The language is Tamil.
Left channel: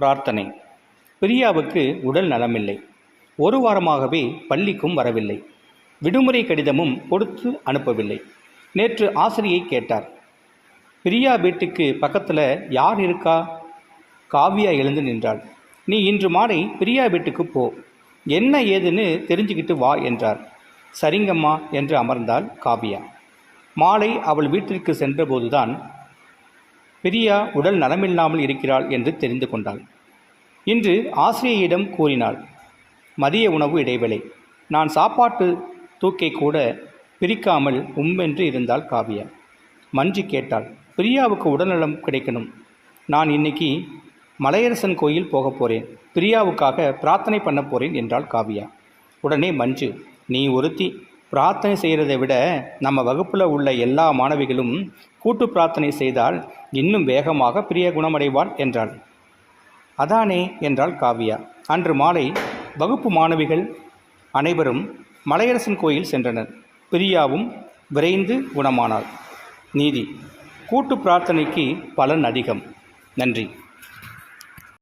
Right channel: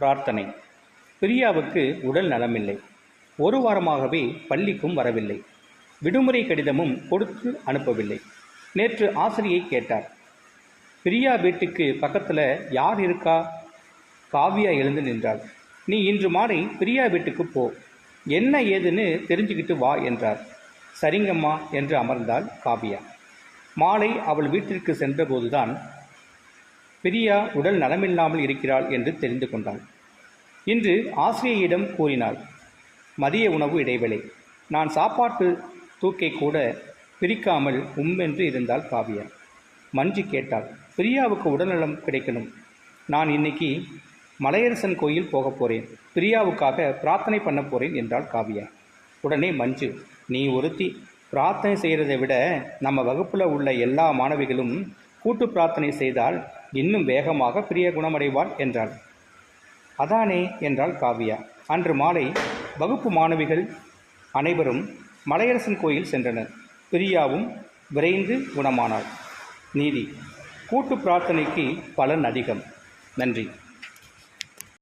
பிரார்த்தனை. பிரியாவுக்கு உடல் நலமில்லை. ஒரு வாரமாகவே பள்ளிக்கும் வரவில்லை. விடுமுறை கடிதமும் கொடுத்து அனுப்பவில்லை. நேற்று ஆசிரியை கேட்டார். பிரியா வீட்டுக்கு பக்கத்தில் யார் இருக்கா? காவியா எழுந்து நின்றாள். நீ இன்று மாலை பிரியா வீட்டுக்கு போ, என்ன ஏதுன்னு தெரிஞ்சுக்கிட்டு வா என்றார். சரிங்கம்மா என்று அமர்ந்தாள் காவியா. மாலை அவள் வீட்டிற்கு சென்றபோதுதான் பிரியா உடல் நலமில்லாமல் இருக்கிறாள் என்று தெரிந்து கொண்டாள். இன்று ஆசிரியையிடம் கூறினாள். மதிய உணவு இடைவேளை. நான் சாப்பாட்டு தூக்கை கூட பிரிக்காமல் உம்மென்று இருந்தாள் காவியா. மஞ்சு கேட்டாள். பிரியாவுக்கு உடல்நலம் கிடைக்கணும். நான் இன்னைக்கு மலையரசன் கோயில் போக போகிறேன். பிரியாவுக்காக பிரார்த்தனை பண்ண போகிறேன் என்றாள் காவியா. உடனே மஞ்சு, நீ ஒருத்தி பிரார்த்தனை செய்கிறதை விட நம்ம வகுப்பில் உள்ள எல்லா மாணவிகளும் கூட்டு பிரார்த்தனை செய்தால் இன்னும் வேகமாக பிரியா குணமடைவாள் என்றாள். அதானே என்றாள் காவியா. அன்று மாலை வகுப்பு மாணவிகள் அனைவரும் மலையரசன் கோயில் சென்றனர். பிரியாவும் விரைந்து குணமானாள். நீதி. கூட்டு பிரார்த்தனைக்கு பலன் அதிகம். நன்றி.